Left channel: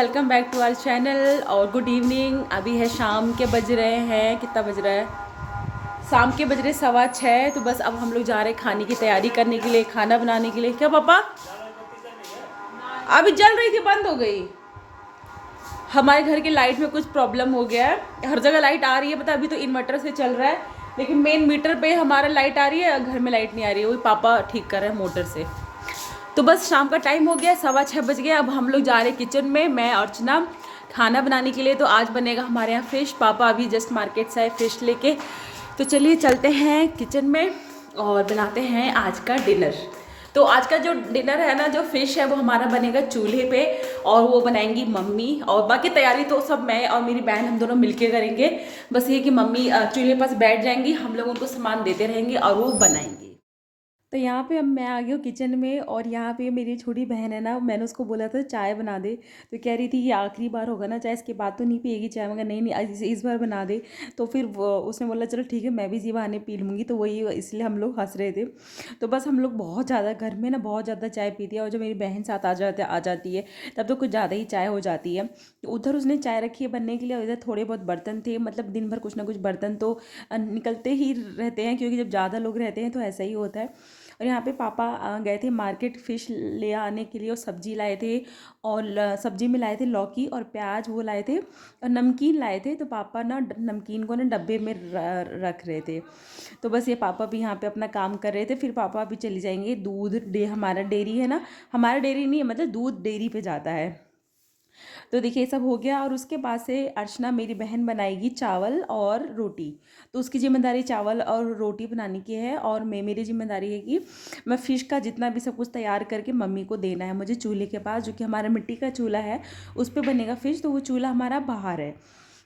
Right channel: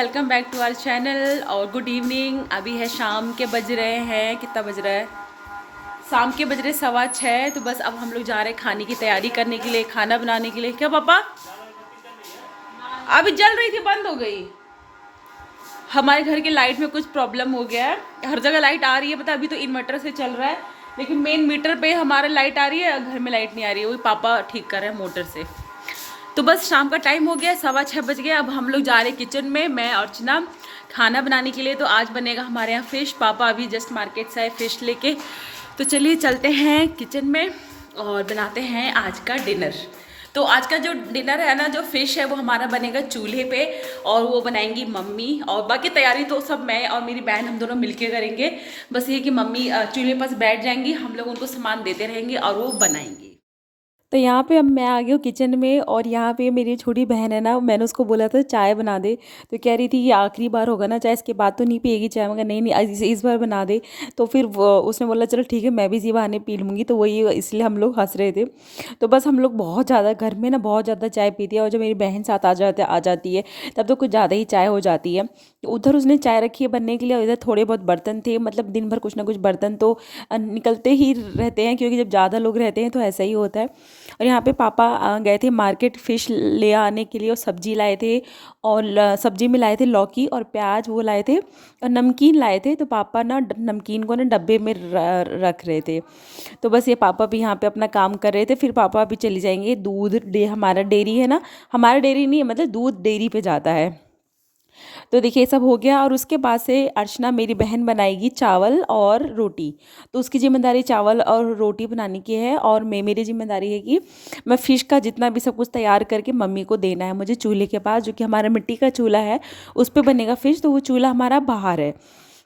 Welcome back to our channel और good evening. अभी है शाम के बज रहे हैं, कितना बज रहा है, शाम के बज रहे 6:15। तो बस अब हम लोग जा रहे हैं खाने की तैयारी करने के लिए, खाना बनाने के लिए। क्या पापा? अभी जल रही थी, बंद हो गई। हमारे घर के लाइट में कुछ प्रॉब्लम हो गया है। हर जगह लाइट आ रही है, पता अभी तो इन्वर्टर से चल रहा है, लेकिन मेन मीटर पे हमारा लाइट आ रही है, घर में लाइट नहीं आ रही है। वही पापा ठीक कर रहे हैं मोटर से। तो बस शाम का टाइम हो गया, 6:15 बज गया। अब हम लोग जा रहे हैं किचन में, मैं और अर्चना, खाना बनाने के लिए। तो आज बनेगा हमारे यहाँ फ़िश। पापा अभी जस्ट मार्केट से आए फ़िश लेके। तो चलिए चलते हैं किचन में और बनाते हैं आज का डिनर। तो आज का जो डिनर है ना, जो फ़िश है वो हमारा बनेगा चूल्हे पे, और वो बनाएंगी मम्मी, और बाकी तैयारी तो सब मैं और मेरी बहन हम दोनों मिलके करेंगे। बस ये कि मम्मी चूल्हे पास बैठ जाएंगी, हम लोग उनको सामान देते रहेंगे और वो बनाएंगी। तो यहाँ पे अब मैं आ गई हूँ किचन में, और यहाँ पे मेरी छोटी बहन है ना, मैंने उसको बोला था चाय बना दे, तो कह रही थी ये आखिरी बार होगा ना चाय, इसके बाद तो नहीं पिएगी चाय। मगर नहीं नहीं, इस बार बना दे। तो फिर उसने बोला चलो ठीक है, मैं भी इसी बहाने पी लूँगी। तो वही इसलिए हम लोग हंस रहे थे। तो बस हम लोग बहुत ज़्यादा घर में ना बहुत ज़्यादा चाय पीती है, और जब मेरी बहन साथ आ जाती है तब तो कुछ ज़्यादा ही चाय हो जाती है। तो उधर उसने चाय रखी है बनने के लिए, और इधर थोड़े बहुत बर्तन थे, मतलब दिन भर कुछ ना कुछ बर्तन तो निकलते ही रहते हैं, क्योंकि जब ज़्यादा लोग रहते हैं तो ऐसा ही होता है। और यहाँ पे पापा गए थे मार्केट फ़िश ले आने के लिए, और सब्जी लाए थे, और सब्जी में लाए थे लौकी और प्याज, वो लाए थे, और नमकीन लाए थे। तो पापा ना नमकीन को ना डब्बे में रख रहे थे। तो बस ये पापा भी यहाँ पे अपना काम कर रहे थे। फिर पापा भी चली जाएंगे दूध हमारा डेयरी है ना, हमारा डेयरी नहीं है, मतलब दूध डेयरी पे जाता है। तो देखिए सब हो गया, और उसके बाद से अर्चना मेरी बहन बनाएगी चावल और रोटी। तो उसकी जिम्मेदारी चावल और रोटी बनाने की है, और मेरी जिम्मेदारी है कि मैं फ़िश का जितना भी सब कुछ तैयार करके मम्मी को देना है मुझे चूल्हे के पास, जो कि हमारा मिट्टी का चूल्हा है, उस पर बनेगा फ़िश। तो वो चूल्हा हमारा बाहर है।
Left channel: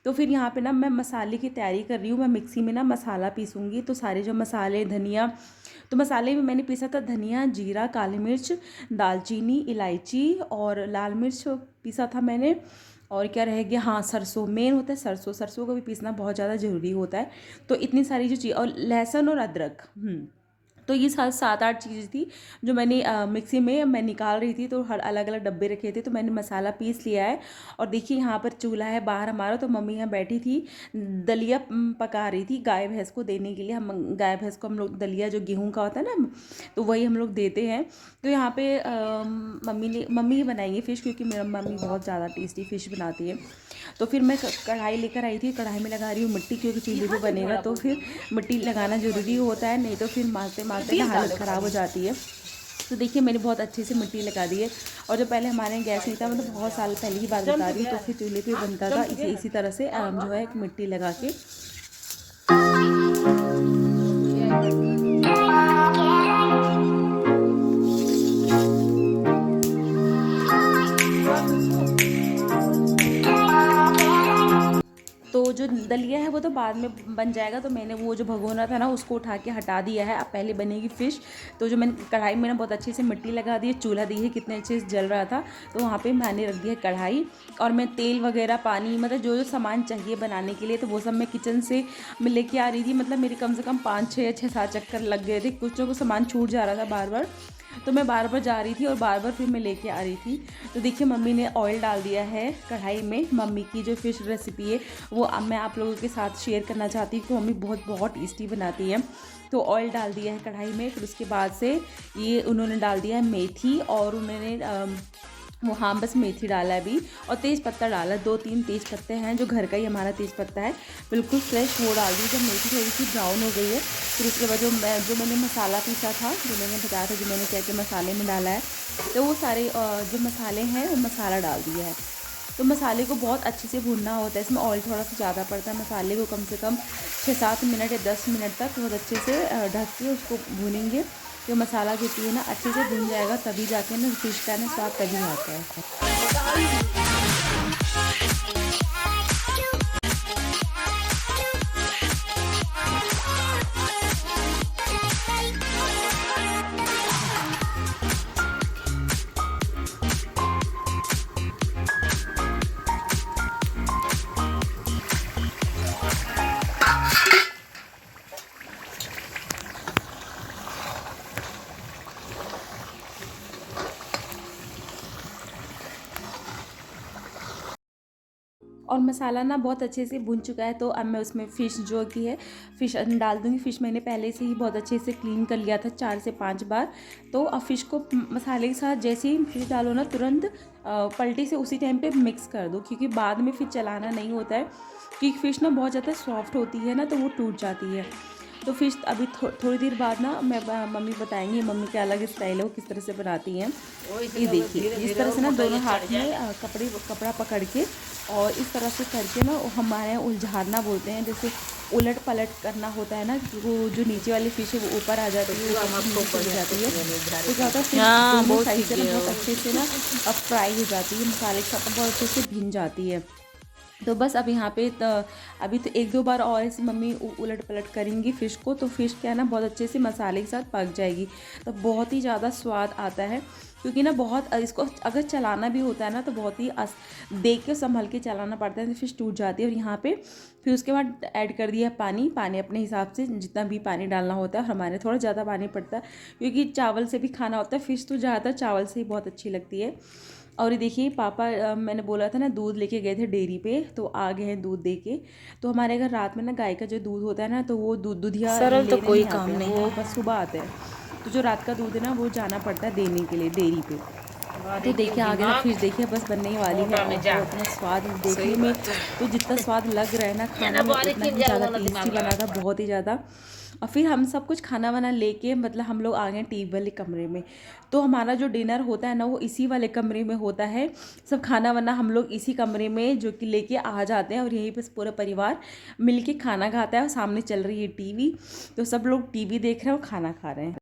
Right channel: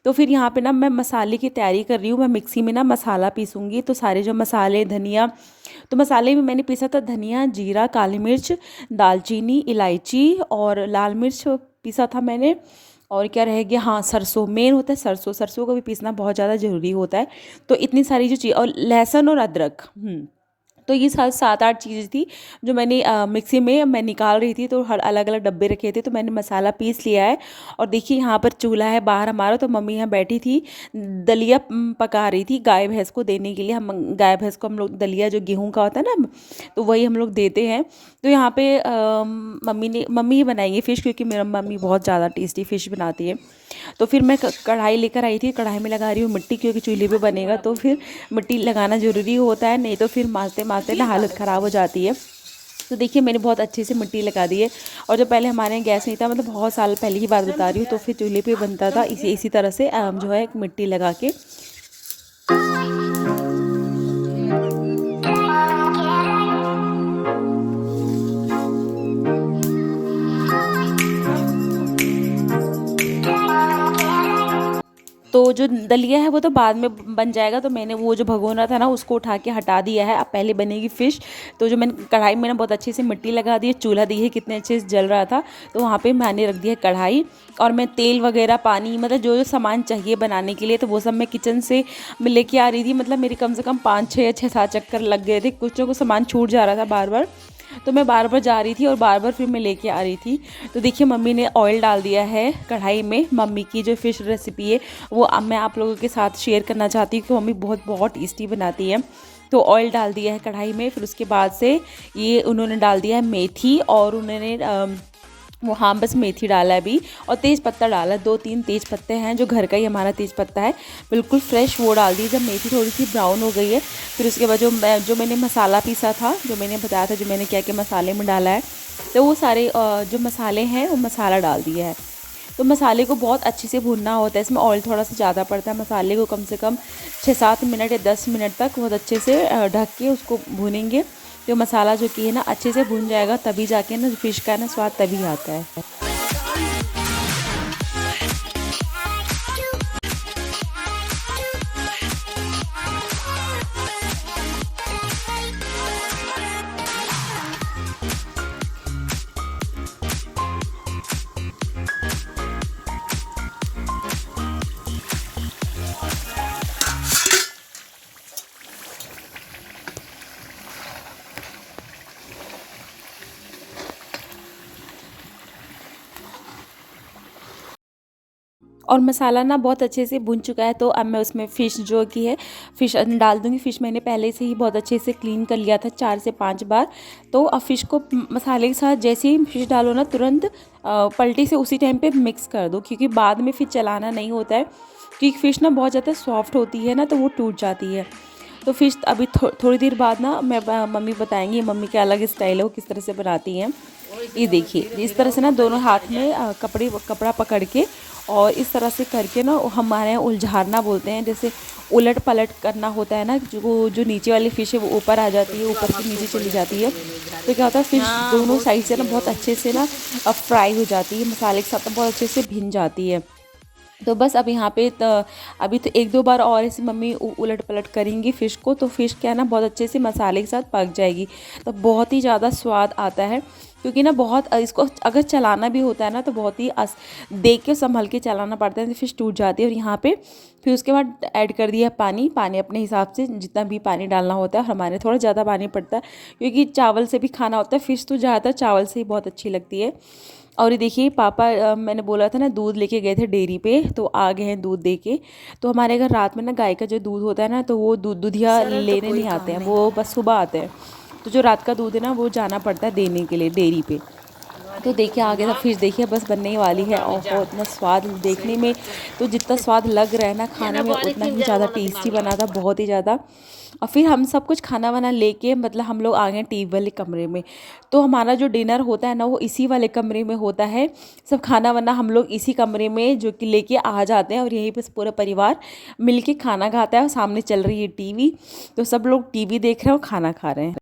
तो फिर यहाँ पे ना मैं मसाले की तैयारी कर रही हूँ। मैं मिक्सी में ना मसाला पीसूँगी। तो सारे जो मसाले, धनिया, तो मसाले में मैंने पीसा था धनिया, जीरा, काली मिर्च, दालचीनी, इलायची और लाल मिर्च पीसा था मैंने। और क्या रह गया, हाँ सरसों मेन होता है, सरसों सरसों को भी पीसना बहुत ज़्यादा ज़रूरी होता है। तो इतनी सारी जो चीज़, और लहसुन और अदरक। तो ये 7-8 चीज़ें थी जो मैंने मिक्सी में मैं निकाल रही थी। तो हर अलग अलग डब्बे रखे थे, तो मैंने मसाला पीस लिया है। और देखिए यहाँ पर चूल्हा है बाहर हमारा। तो मम्मी यहाँ बैठी थी, दलिया पका रही थी गाय भैंस को देने के लिए। हम गाय भैंस को हम लोग दलिया, जो गेहूं का होता है ना, तो वही हम लोग देते हैं। तो यहाँ पे मम्मी ही बनाएंगी फ़िश, क्योंकि मेरा मम्मी बहुत ज़्यादा टेस्टी फ़िश बनाती है। तो फिर मैं कढ़ाई लेकर आई थी, कढ़ाई में लगा रही हूँ मिट्टी, क्योंकि चूल्हे पे बनेगा तो फिर मिट्टी लगाना ज़रूरी होता है, नहीं तो फिर मारते मारते ना हालत ख़राब हो जाती है। तो देखिए मैंने बहुत अच्छे से मिट्टी लगा दी है। और जो पहले हमारे यहाँ गैस नहीं था, मतलब बहुत साल पहले की बात बता रही हूँ, तो फिर चूल्हे पे बनता था इसी तरह से जो है मिट्टी लगा के। तो जो दलिया है वो तो बाद में बन जाएगा। तो मैंने वो जो भगोना था ना, उसको उठा के हटा दिया है। अब पहले बनेगी फ़िश। तो जो मैंने कढ़ाई में ना बहुत अच्छे से मिट्टी लगा दी है, चूल्हा दी है, कितने अच्छे से जल रहा था। तो वहाँ पे मैंने रख दिया कढ़ाई, और मैं तेल वगैरह, पानी, मतलब जो जो सामान चाहिए बनाने के लिए, तो वो सब मैं किचन से मैं लेके आ रही थी। मतलब मेरे कम से कम 5-6 चक्कर लग गए थे, कुछ ना कुछ सामान छूट जा रहा था बार बार। तो मैं बार बार जा रही थी और बार बार फिर मैं लेके आ रही थी। तो देखिए मम्मी ने ऑयल डाल दिया है कढ़ाई में। मम्मी की जो फ़िश रेसिपी है वो अब मैं आप लोगों के साथ शेयर करना चाहती हूँ, कि मम्मी बहुत बहुत टेस्टी बनाती है। तो ऑयल डाल दिया है कढ़ाई में। फिर उसके बाद से ये उन्होंने डाल दिया है मेथी, और उन्होंने वो, हाँ बस मेथी डाला है अभी, और तेज़ पत्ता डाला है। 2-3 तेज़ पत्ते हैं, जो घर का ही हमारा तेज़ पत्ता है, बिल्कुल फ्रेश, वो डाल दी। जब मेथी थोड़ी सी ब्राउन हो गई है, फिर उसके बाद जो मैंने मसाला पीसा था, जो मैंने बताया था, जो मैंने क्या क्या मसाले में डाला है, तो वो सारे जो मसाले हैं वो मसाला डाल दिया है। तो मसाले को बहुत अच्छे से भूनना होता है, इसमें ऑयल थोड़ा सा ज़्यादा पड़ता है। मसाले को कम से कम 6-7 मिनट या 10 मिनट तक बहुत अच्छे से ढक के उसको भूनेंगे। जो मसाला जो कि है ना अच्छे से भून जाएगा, तभी जाके ना फ़िश का ना स्वाद तभी आता है। और मसाला ना बहुत अच्छे से भुन चुका है। तो अब मैं उसमें फ़िश जो कि है फ़िश डाल दूँगी। फ़िश मैंने पहले से ही बहुत अच्छे से क्लीन कर लिया था 4 से 5 बार। तो अब फ़िश को मसाले के साथ जैसे ही फ़िश डालो ना तुरंत पलटी से उसी टाइम पे मिक्स कर दो, क्योंकि बाद में फिर चलाना नहीं होता है, क्योंकि फ़िश ना बहुत ज़्यादा सॉफ्ट होती है ना, तो वो टूट जाती है। तो फ़िश अभी थोड़ी देर बाद ना मैं मम्मी बताएंगी, मम्मी का अलग स्टाइल है, वो किस तरह से बनाती हैं। ये देखिए इस तरह से ना दोनों हाथ में कपड़ा पकड़ के और इस तरह से करके ना, हमारे यहाँ उलझारना बोलते हैं, जैसे उलट पलट करना होता है ना, जो नीचे वाली फ़िश है वो ऊपर आ जाती है, ऊपर से नीचे चली जाती है। तो क्या होता है, फ़िश दोनों साइड से ना बहुत अच्छे से ना फ्राई हो जाती है, मसाले के साथ बहुत अच्छे से भिन जाती है। तो बस अब यहाँ पे अभी तो 1-2 बार और ऐसे मम्मी उलट पलट करेंगी फ़िश को, तो फ़िश क्या है ना बहुत अच्छे से मसाले के साथ पक जाएगी। तो बहुत ही ज़्यादा स्वाद आता है, क्योंकि ना बहुत इसको अगर चलाना भी होता है ना तो बहुत ही देख के संभल के चलाना पड़ता है, तो फ़िश टूट जाती है। और यहाँ पे फिर उसके बाद ऐड कर दिया पानी अपने हिसाब से जितना भी पानी डालना होता है। हमारे थोड़ा ज़्यादा पानी पड़ता है, क्योंकि चावल से भी खाना होता है, फ़िश तो ज़्यादातर चावल से ही बहुत अच्छी लगती है। और ये देखिए पापा मैंने बोला था ना दूध लेके गए थे डेयरी पे, तो आ गए हैं दूध दे के। तो हमारे घर रात में ना गाय का जो दूध होता है ना, तो वो दूधिया लेने नहीं आते हैं, वो बस सुबह आते हैं। तो जो रात का दूध है ना वो जाना पड़ता है देने के लिए डेयरी पे। तो देखिए आ गया था फिश, देखिए बस बनने ही वाली है। और इतना स्वाद देखने में तो जितना स्वाद लग रहा है ना खाने में, उतना ही ज़्यादा टेस्टी बना था, बहुत ही ज़्यादा। और फिर हम सब कुछ खाना वाना लेके मतलब हम लोग आ गए टीवी वाले कमरे में। तो हमारा जो डिनर होता है ना वो इसी वाले कमरे में होता है। सब खाना वाना हम लोग इसी कमरे में जो कि लेके आ जाते हैं, और यहीं पर पूरा परिवार मिलके खाना खाता है। और सामने चल रही है टीवी, तो सब लोग टीवी देख रहे हैं और खाना खा रहे हैं।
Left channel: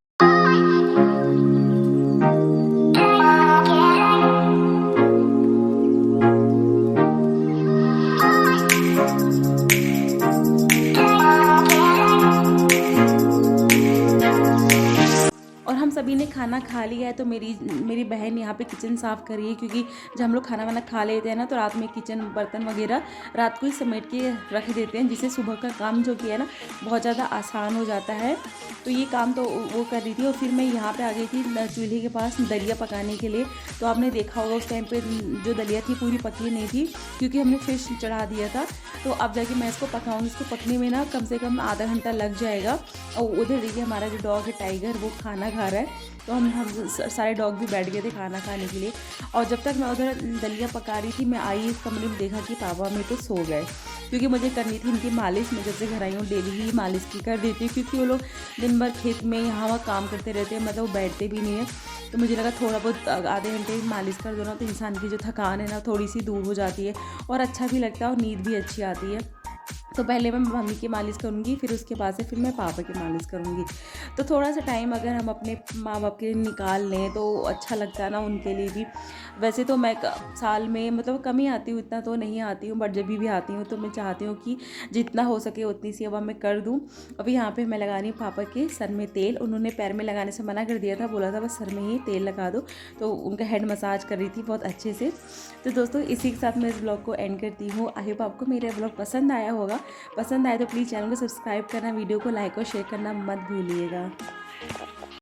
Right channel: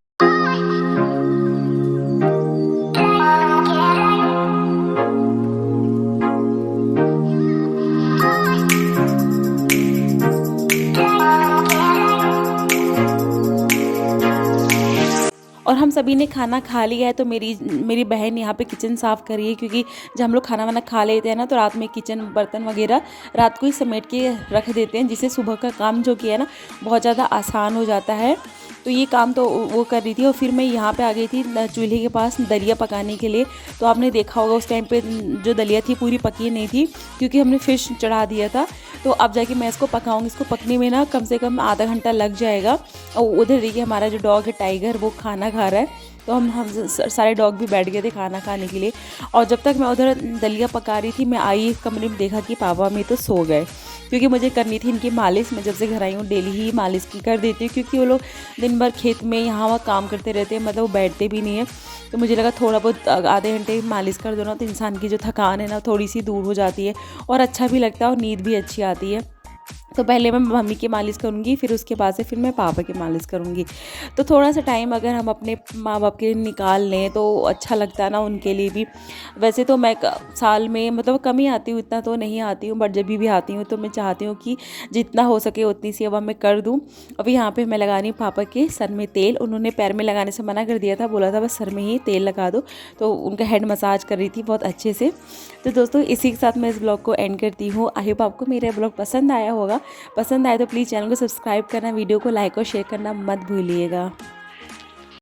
और हम सभी ने खाना खा लिया है। तो मेरी बहन यहाँ पे किचन साफ़ कर रही है, क्योंकि जब हम लोग खाना वाना खा लेते हैं ना तो रात में किचन बर्तन वगैरह रात को ही समेट के रख देते हैं, जिससे सुबह का काम जो किया है ना बहुत ज़्यादा आसान हो जाता है। तो ये काम तो वो कर रही थी। और फिर मैं यहाँ पे आ गई थी चूल्हे के पास दलिया पकाने के लिए। तो आपने देखा होगा उस टाइम पे जो दलिया थी पूरी पकी नहीं थी, क्योंकि हमने फ़िश चढ़ा दिया था। तो अब जाके मैं इसको पकाऊंगी। इसको पकने में ना कम से कम आधा घंटा लग जाएगा। और उधर देखिए हमारा जो डॉग है टाइगर, वो खाना खा रहा है। तो हम सारे डॉग भी बैठ गए थे खाना खाने के लिए। और जब तक मैं उधर दलिया पका रही थी, मैं आई कमरे में, देखा कि पापा में तो सो गए, क्योंकि मुझे करनी थी इनकी मालिश। मैं जब से घर आई हूँ डेली ही मालिश की कर देती हूँ, क्योंकि वो लोग दिन भर खेत में यहाँ वहाँ काम करते रहते हैं, मतलब वो बैठते भी नहीं है। तो मुझे लगा थोड़ा बहुत आधे घंटे मालिश कर दो ना, तो इंसान की जो थकान है ना थोड़ी सी दूर हो जाती है, और अच्छा भी लगता है और नींद भी अच्छी आती है। तो पहले मैं मम्मी की मालिश करूँगी, फिर उसके बाद से फिर मैं पापा की मालिश करूँगी। तो थोड़ा सा टाइम अगर हम अपने माँ बाप के लिए निकाल लें तो अच्छा लगता है ना उनके लिए भी। वैसे तो मैं साल में मतलब कम ही आती हूँ, इतना तो नहीं आती हूँ, बट जब भी आती हूँ तो मैं चाहती हूँ कि जितना हो सके उतनी सेवा मैं कर दूँ। अभी यहाँ पर मैं लगा रही हूँ पापा के सर में तेल। उन्होंने पैर में लगाने से मना कर दिया था, बोला था बस सर में ही तेल लगा दो। तो उनका हेड मसाज कर रही थी बहुत अच्छे से। तो दोस्तों इसी के साथ मैं इस ब्लॉग को एंड करती हूँ। आई होप आपको मेरा ब्लॉग पसंद आया होगा। पसंद आए तो प्लीज़ चैनल को सब्सक्राइब करना, वीडियो को लाइक और शेयर करना मत भूलिएगा।